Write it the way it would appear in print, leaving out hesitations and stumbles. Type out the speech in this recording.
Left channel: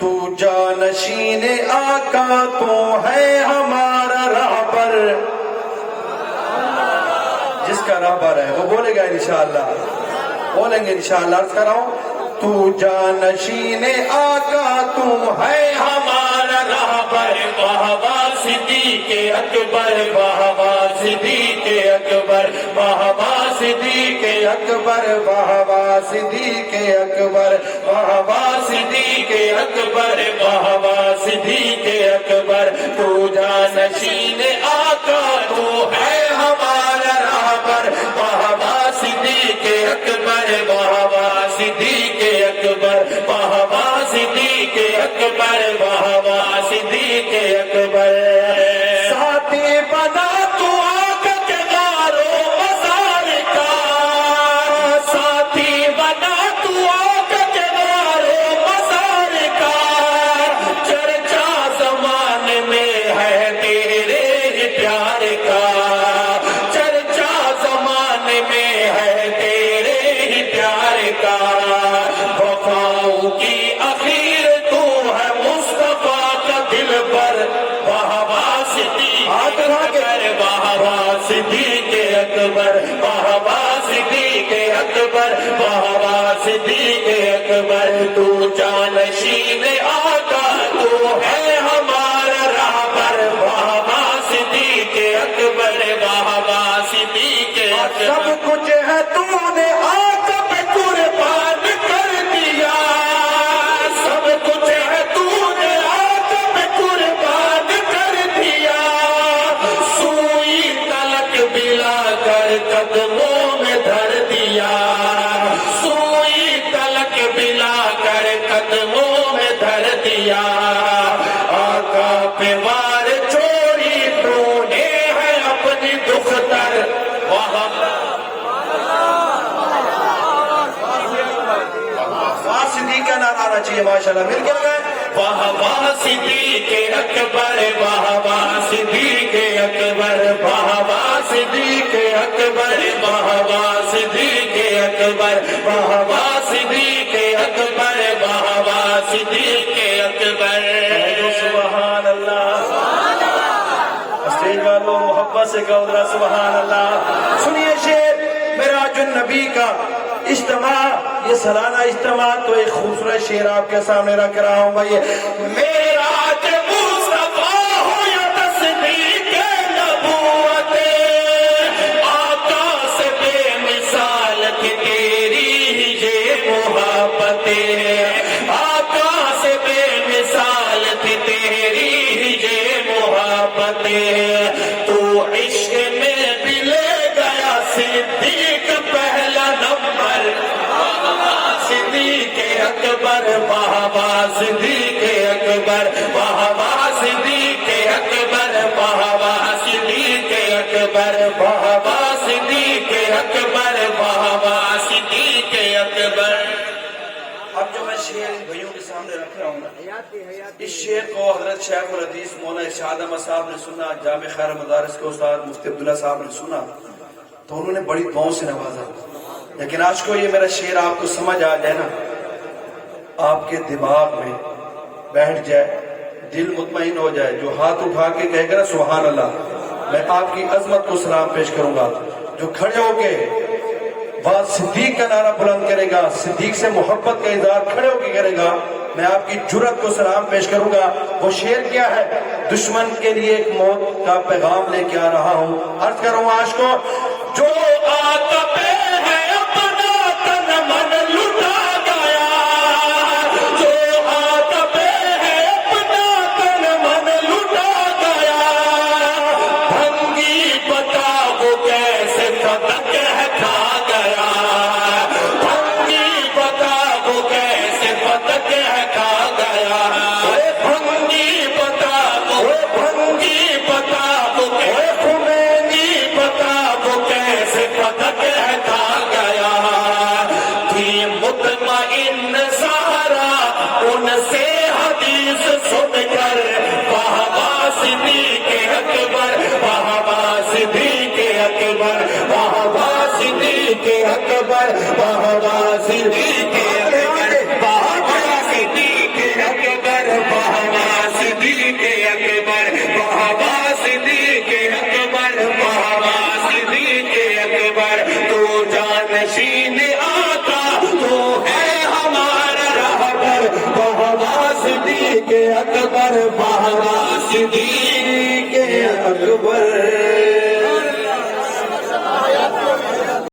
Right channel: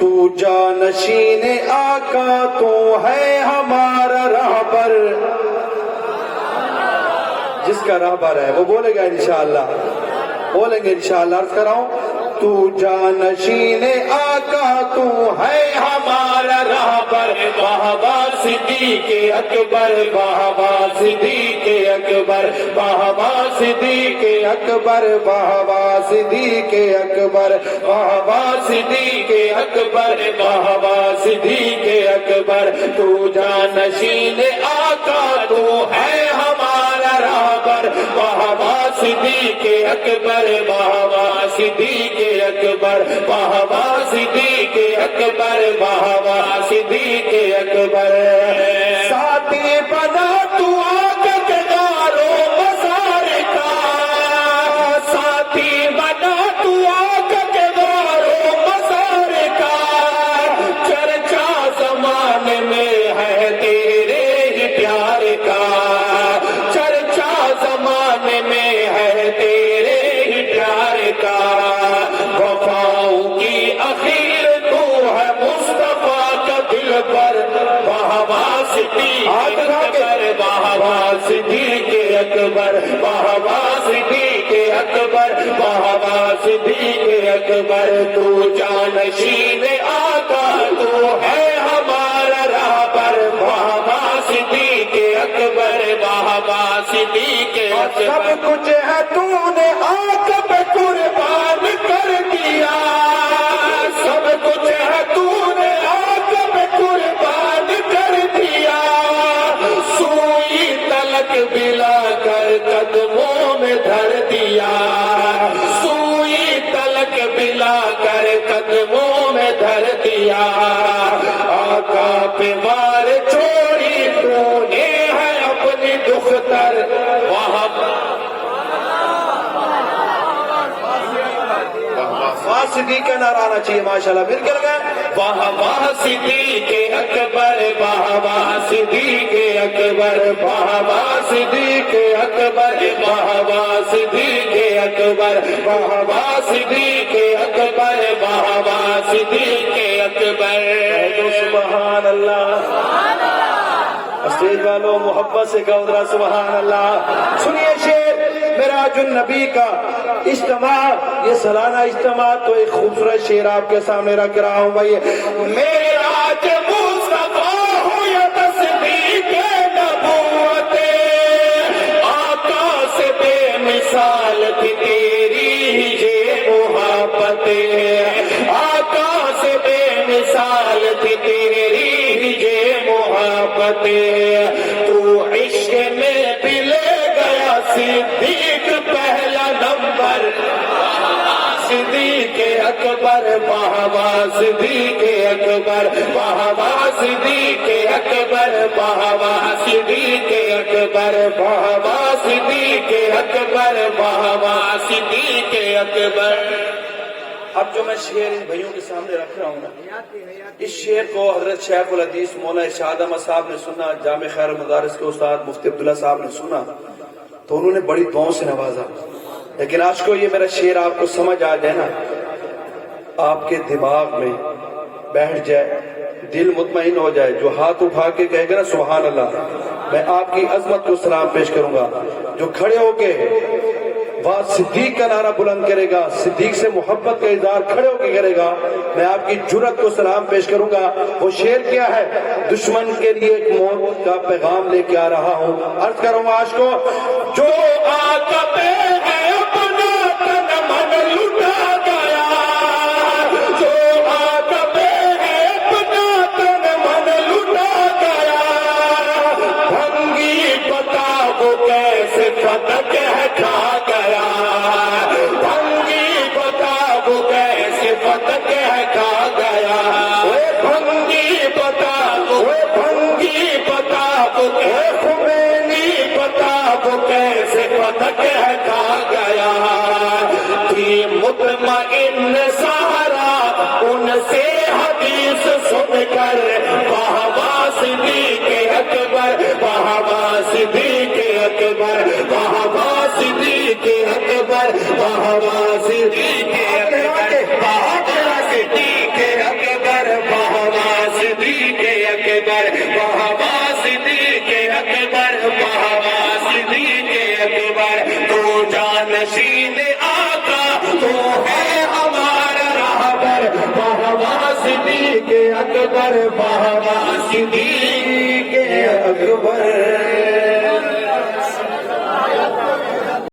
تو جانشین آقا تو ہے ہمارا راہبر. جس کا راہبر ہے وہ بولے گا انشاءاللہ، بولیں گے انشاءاللہ. عرض کر رہا ہوں تو جانشین آقا تو ہے ہمارا راہبر. بہوا صدیق اکبر، بہوا صدیق اکبر، بہوا صدیق اکبر، بہوا صدیق اکبر، بہوا صدیق اکبر، بہوا صدیق اکبر. تو جانشین آقا تو ہے ہمارا راہبر. بہوا صدیق اکبر، بہوا صدیق اکبر، بہوا صدیق اکبر، بہوا صدیق اکبر. ساتھی بنا تو آقا کے دارو مزار کا، ساتھی بنا تو آقا کے دارو مزار کا. چرچا زمانے میں ہے تیرے ہی پیار کا، چرچا زمانے میں ہے تیرے ہی پیار کا. وفاؤں کی اخیر تو ہے مصطفیٰ کا دل پر. بہوا صدیق اکبر، بہوا صدیق اکبر، بہوا صدیق اکبر، بہوا صدیق اکبر. تو جانشین آقا تو ہے ہمارا راہبر. بہوا صدیق اکبر، بہوا صدیق اکبر. سب کچھ ہے تو نے آقا پہ قربان کر دیا، سب کچھ ہے تو نے آقا پہ قربان کر دیا. سوئی تلک بلا کر قدموں میں دھر دیا، سوئی تلک بلا کر قدموں میں دھر دیا. آقا پہ وار چوری تو نے ہے اپنی دختر. صدیق کا نعرہ آنا چاہیے ماشاءاللہ. مل کر گئے. بہوا صدیق اکبر، بہوا صدیق اکبر، بہوا صدیق اکبر، بہوا صدیق اکبر، بہوا صدیق اکبر، بہوا صدیق اکبر. سبحان اللہ. اسٹیج والوں محبت سے کہو ذرا سبحان اللہ. سنیے شعر معراج النبی کا اجتماع، یہ سالانہ اجتماع. تو ایک خوبصورت شعر آپ کے سامنے رکھ رہا ہوں بھائی. معراج مصطفیٰ ہو یا تصدیق نبوت، آقا سے بے مثال تھی تیری ہی یہ محبت، آقا سے بے مثال تھی تیری ہی یہ محبت. تو عشق میں بھی لے گیا صدیق پہلا نمبر. صدیق اکبر، بہوا صدیق اکبر، بہوا صدیق اکبر، بہوا صدیق اکبر، بہوا صدیق اکبر، بہوا صدیق اکبر. اب جو میں شعر ان بھائیوں کے سامنے رکھ رہا ہوں نا، اس شعر کو حضرت شیخ الحدیث مولانا ارشاد احمد صاحب نے سنا، جامع خیر مدارس کے استاد مفتی عبداللہ صاحب نے سنا تو انہوں نے بڑی دعاؤں سے نوازا. لیکن آج کو یہ میرا شعر آپ کو سمجھ آ جائے نا، آپ کے دماغ میں بیٹھ جائے، دل مطمئن ہو جائے، جو ہاتھ اٹھا کے کہے گا نا سبحان اللہ، میں آپ کی عظمت کو سلام پیش کروں گا. جو کھڑے ہو کے وہاں صدیق کا نعرہ بلند کرے گا، صدیق سے محبت کا اظہار کھڑے ہو کے کرے گا، میں آپ کی جرت کو سلام پیش کروں گا. وہ شعر کیا ہے؟ دشمن کے لیے ایک موت کا پیغام لے کے آ رہا ہوں. عرض کروں آج کو، جو آقا پہ ہے اپنا تن من لٹا گیا، جو آقا پہ ہے اپنا تن من لٹا گیا. بھنگی بتا وہ کیسے فتح ہے کھا گیا، بھنگی بتا وہ کیسے فتح ہے کھا گیا. بھنگی بتا وہ، بھنگی بتا وہ، خمینی بتا وہ کیسے فتح ہے کھا گیا. تھی مطمئن سہارا ان سے حدیث سن کر، بہوا صدیق اکبر، بہوا صدیق اکبر، بہوا صدیق اکبر، بہوا صدیق اکبر، بہوا صدیق اکبر. صدیق اکبر مرحبا صدیق اکبر مرحبا صدیق اکبر تو جانشین آقا تو ہے ہمارا رہبر مرحبا صدیق اکبر مرحبا صدیق اکبر